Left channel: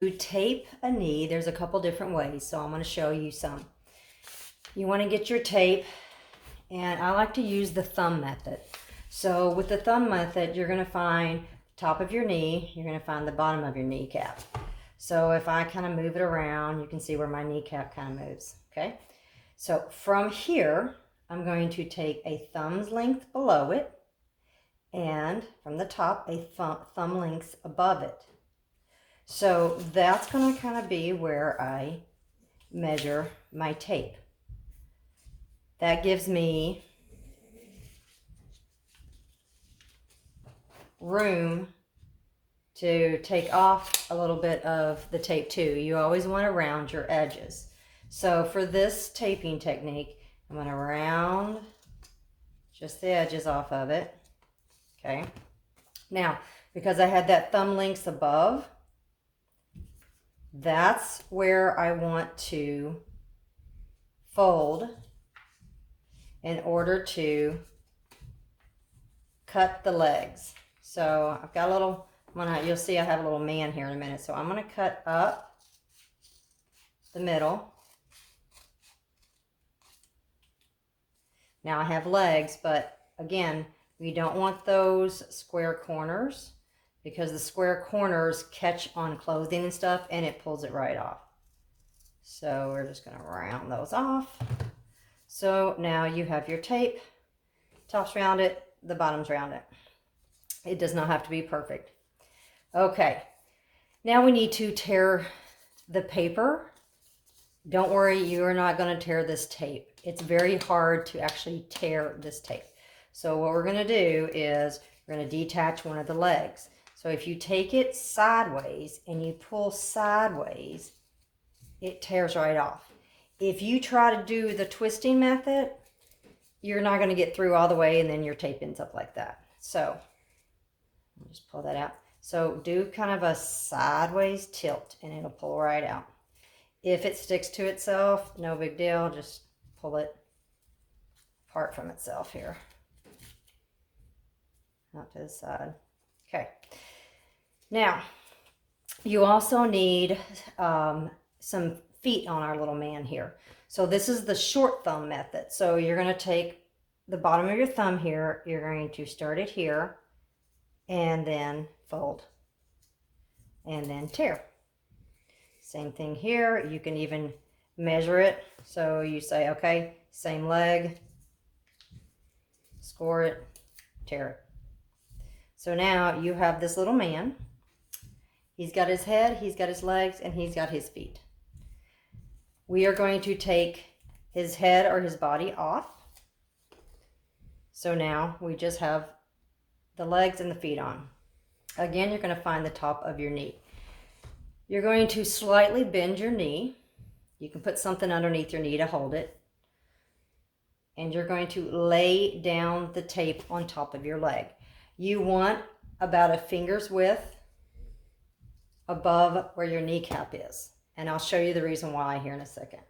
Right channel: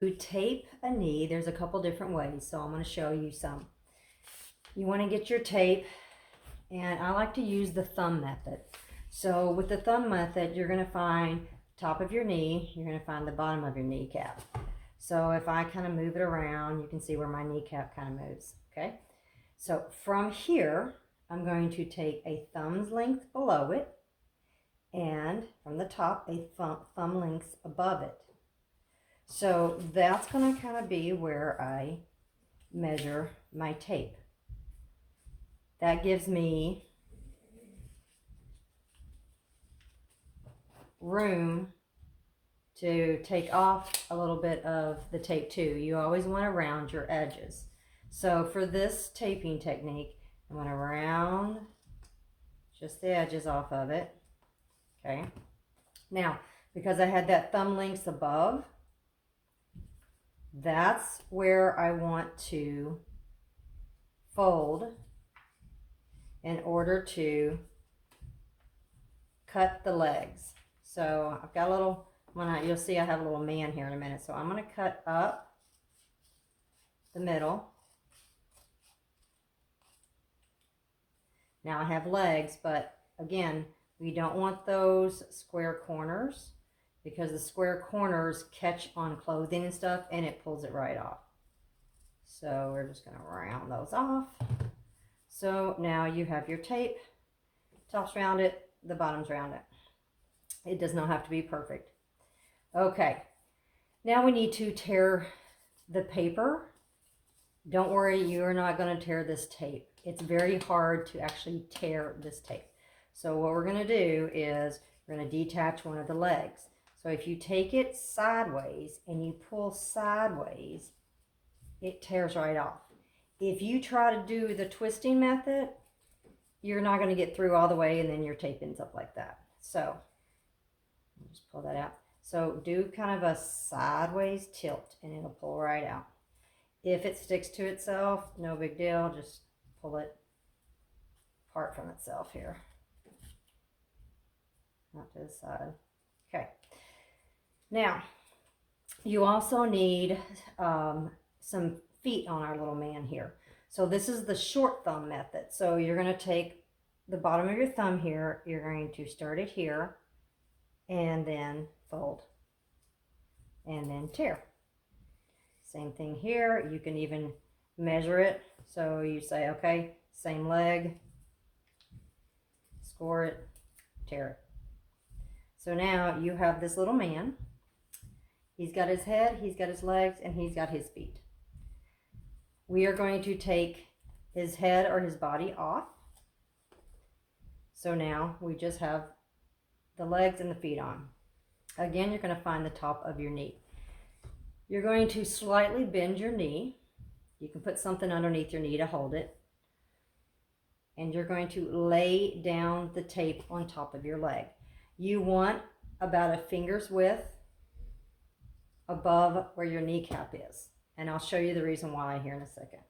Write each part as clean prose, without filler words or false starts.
To tape a knee, there's a couple different ways, so I'm going to show you some. You want to get your tape, and I like to use the thumb method. So with the thumb method, you're going to find top of your knee, you're going to find the bottom of your kneecap. So if I kind of move it around, you can see where my kneecap kind of moves, okay? So from here, I'm going to take a thumb's length below it, and from the top, a thumb length above it. So that's going to kind of be where I measure my tape. That gives me room to take off a little bit of the tape too. You always want to round your edges. So for this taping technique, I'm going to round just the edges off of it. Okay. Now, because I had that thumb length above, that's where I want to fold in order to cut the legs. So I've got a little, you'll see I have a little man here in a minute. So I'm going to cut up the middle. Now I have legs, but again, we don't want those square corners because the square corners catch on clothing and stuff and it pulls it right off. So we're just going to round those off. So now you have your tape, top's rounded, the bottom's rounded. It does not have to be perfect. Okay, now we need to tear the paper. Don't worry, you are not going to tear this tape. It's very hard to actually tear this tape. So what we're going to do is we're going to detach one of the legs. So if you take it sideways and you pull sideways, it tears right off. If you try to do the twisting method, you're not going to get through all the way and then your tape ends up like that. So I'll just pull that out. So do kind of a sideways tilt and it'll pull right out. If it sticks to itself, no big deal. Just pull it apart from itself here. Out to the side. Okay. Now, you also need some feet on our little man here. So this is the short thumb method. So you're going to take the bottom of your thumb here. You're going to start it here and then fold and then tear. Same thing here. You can even measure it. So you say, okay, same leg, score it, tear it. So now you have this little man. He's got his head, he's got his legs, and he's got his feet. We are going to take his head or his body off. So now we just have the legs and the feet on. Again, you're going to find the top of your knee. You're going to slightly bend your knee. You can put something underneath your knee to hold it. And you're going to lay down the tape on top of your leg. You want about a finger's width above where your kneecap is. And I'll show you the reason why here in a second.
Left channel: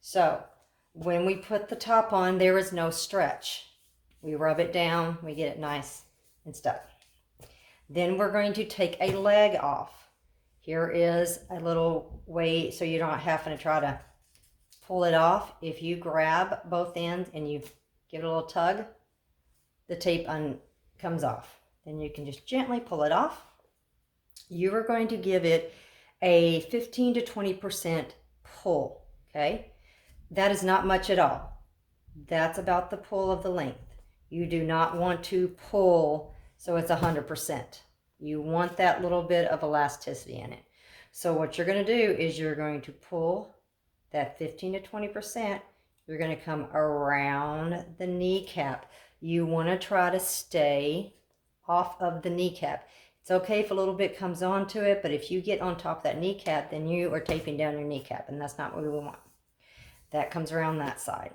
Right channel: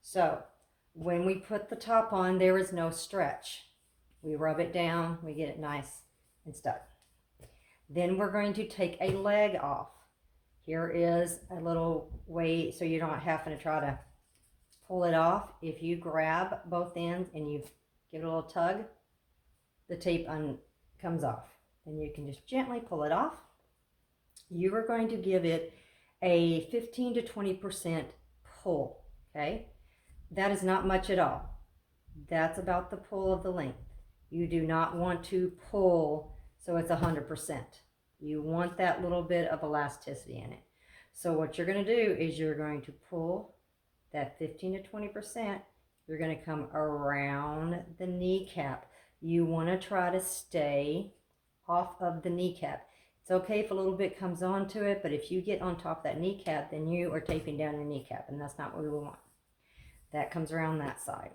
So when we put the top on, there is no stretch. We rub it down, we get it nice and stuck. Then we're going to take a leg off. Here is a little way so you're not having to try to pull it off. If you grab both ends and you give it a little tug, the tape comes off. Then you can just gently pull it off. You are going to give it a 15 to 20% pull, okay? That is not much at all. That's about the pull of the length. You do not want to pull so it's 100%. You want that little bit of elasticity in it. So what you're going to do is you're going to pull that 15 to 20%. You're going to come around the kneecap. You want to try to stay off of the kneecap. It's okay if a little bit comes onto it, but if you get on top of that kneecap, then you are taping down your kneecap, and that's not what we want. That comes around that side.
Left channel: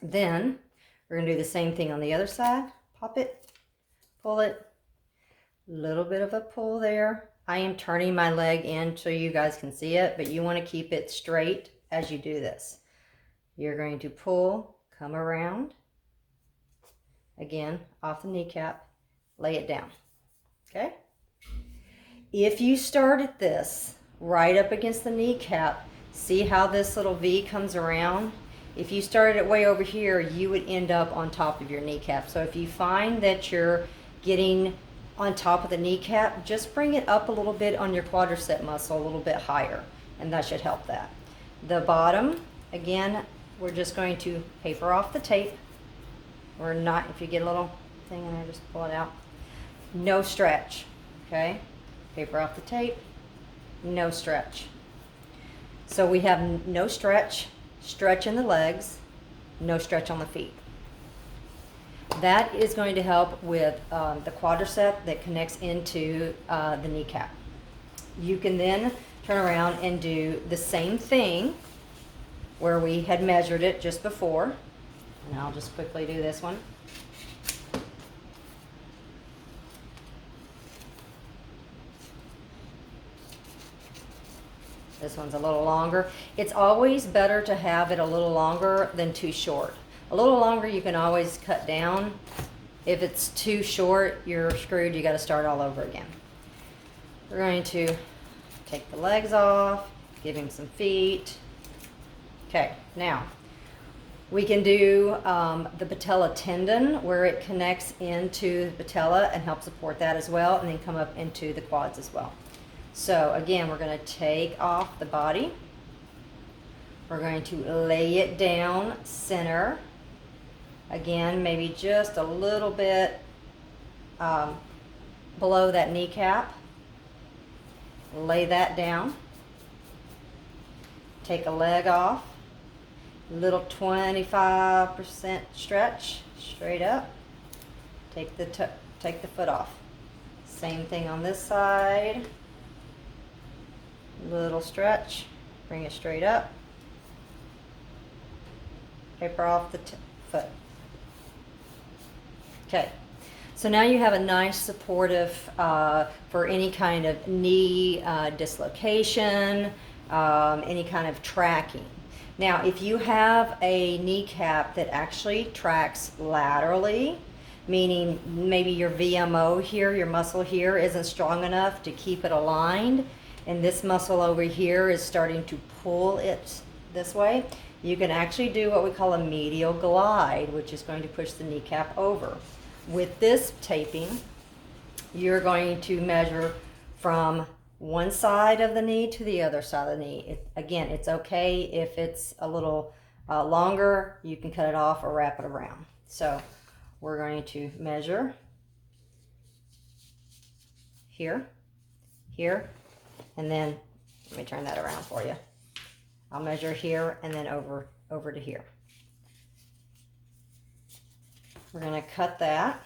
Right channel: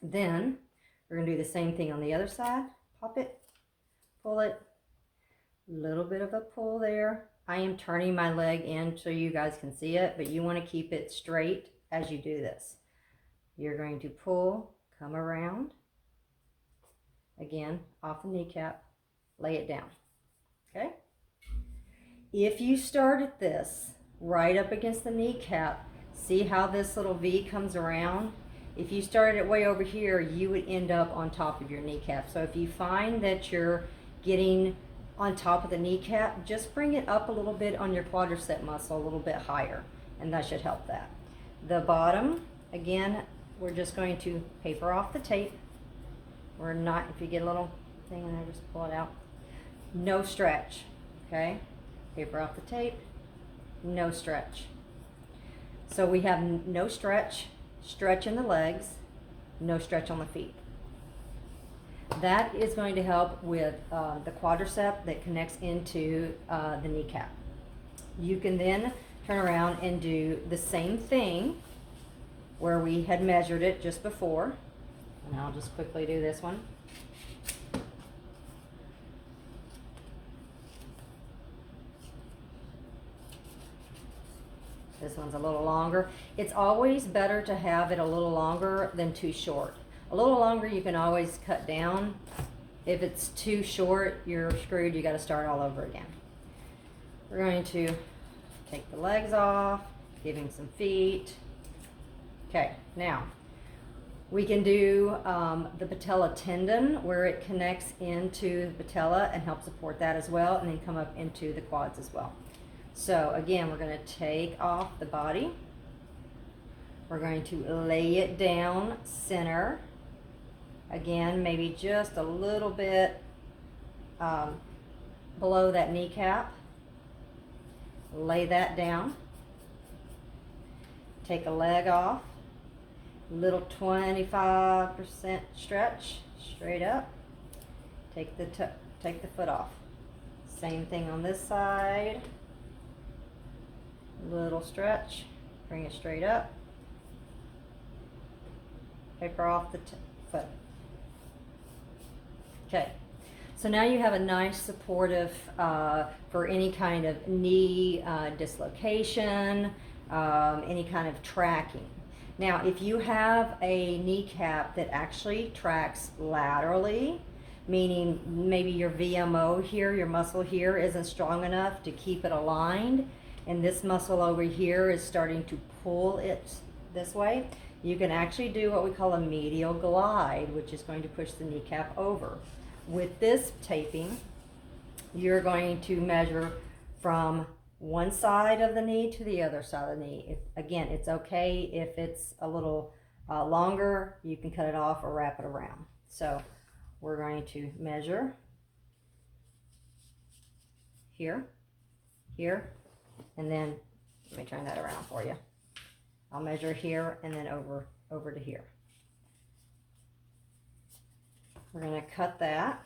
Then we're going to do the same thing on the other side. Pop it, pull it, little bit of a pull there. I am turning my leg in so you guys can see it, but you want to keep it straight as you do this. You're going to pull, come around, again, off the kneecap, lay it down. Okay? If you started this right up against the kneecap. See how this little V comes around? If you started it way over here, you would end up on top of your kneecap. So if you find that you're getting on top of the kneecap, just bring it up a little bit on your quadricep muscle, a little bit higher, and that should help that. The bottom, again, we're just going to paper off the tape. We're not, if you get a little thing in there, just pull it out. No stretch, okay? Paper off the tape, no stretch. So we have no stretch, stretch in the legs, no stretch on the feet. That is going to help with the quadricep that connects into the kneecap. You can then turn around and do the same thing where we had measured it just before. And I'll just quickly do this one. This one's a little longer. It's always better to have it a little longer than too short. A little longer you can always cut down. If it's too short, you're screwed. You got to start all over again. We're going to take the legs off, give him some feet. Okay, now we can do the patella tendon where it connects into the patella and help support that as well, and then come up into the quads as well. So again, we're going to take off the body. We're going to lay it down center. Again, maybe just a little bit below that kneecap. Lay that down. Take a leg off. Little 25% stretch straight up. Take the foot off. Same thing on this side. Little stretch, bring it straight up. Paper off the foot. Okay, so now you have a nice supportive for any kind of knee dislocation, any kind of tracking. Now, if you have a kneecap that actually tracks laterally, meaning maybe your VMO here, your muscle here, isn't strong enough to keep it aligned, and this muscle over here is starting to pull it this way, you can actually do what we call a medial glide, which is going to push the kneecap over. With this taping, you're going to measure from one side of the knee to the other side of the knee. Again, it's okay if it's a little longer, you can cut it off or wrap it around. So we're going to measure here, here, and then let me turn that around for you. I'll measure here and then over to here. We're going to cut that.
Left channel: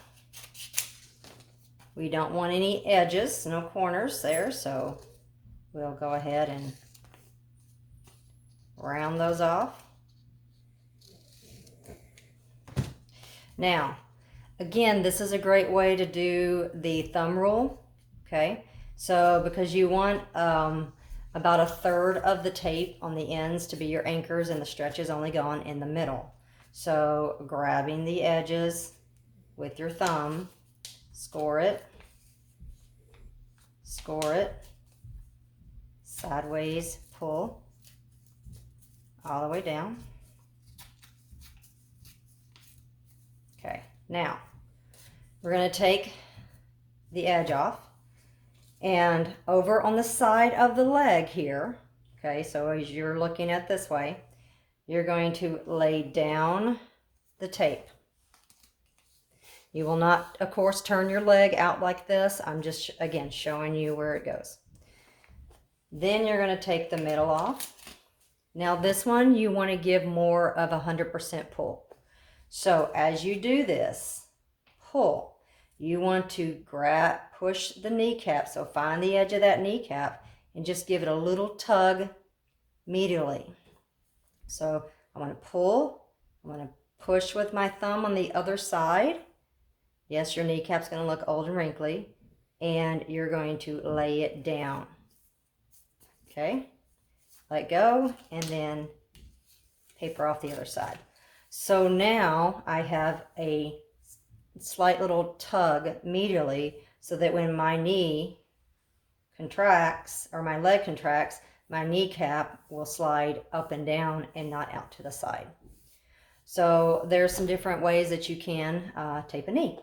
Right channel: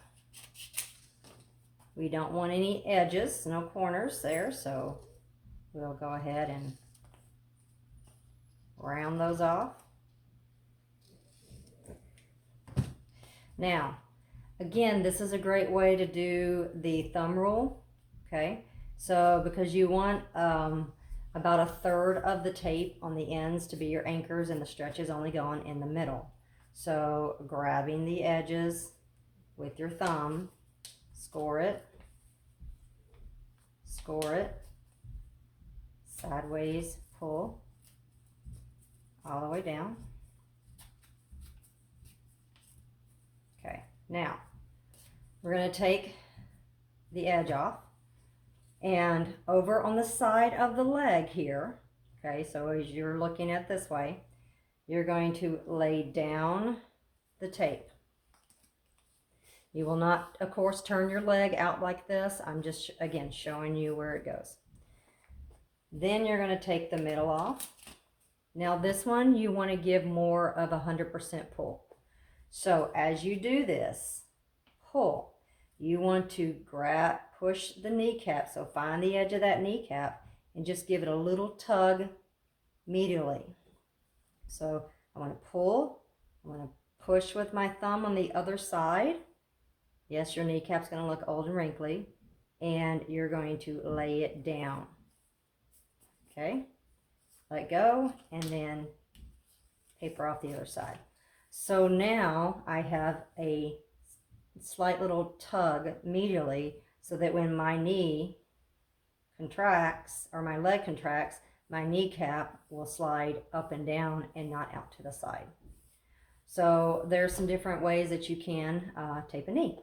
We don't want any edges, no corners there, so we'll go ahead and round those off. Now, again, this is a great way to do the thumb rule, okay? So because you want about a third of the tape on the ends to be your anchors and the stretches only going in the middle. So grabbing the edges with your thumb, score it, sideways pull all the way down. Okay, now we're going to take the edge off, and over on the side of the leg here, okay, so as you're looking at this way, you're going to lay down the tape. You will not, of course, turn your leg out like this. I'm just, again, showing you where it goes. Then you're going to take the middle off. Now this one, you want to give more of 100% pull. So as you do this, pull. You want to push the kneecap. So find the edge of that kneecap and just give it a little tug medially. So I want to pull. I want to push with my thumb on the other side. Yes, your kneecap's going to look old and wrinkly, and you're going to lay it down. Okay, let go, and then paper off the other side. So now I have a slight little tug medially, so that when my knee contracts, or my leg contracts, my kneecap will slide up and down and not out to the side. So there's some different ways that you can tape a knee.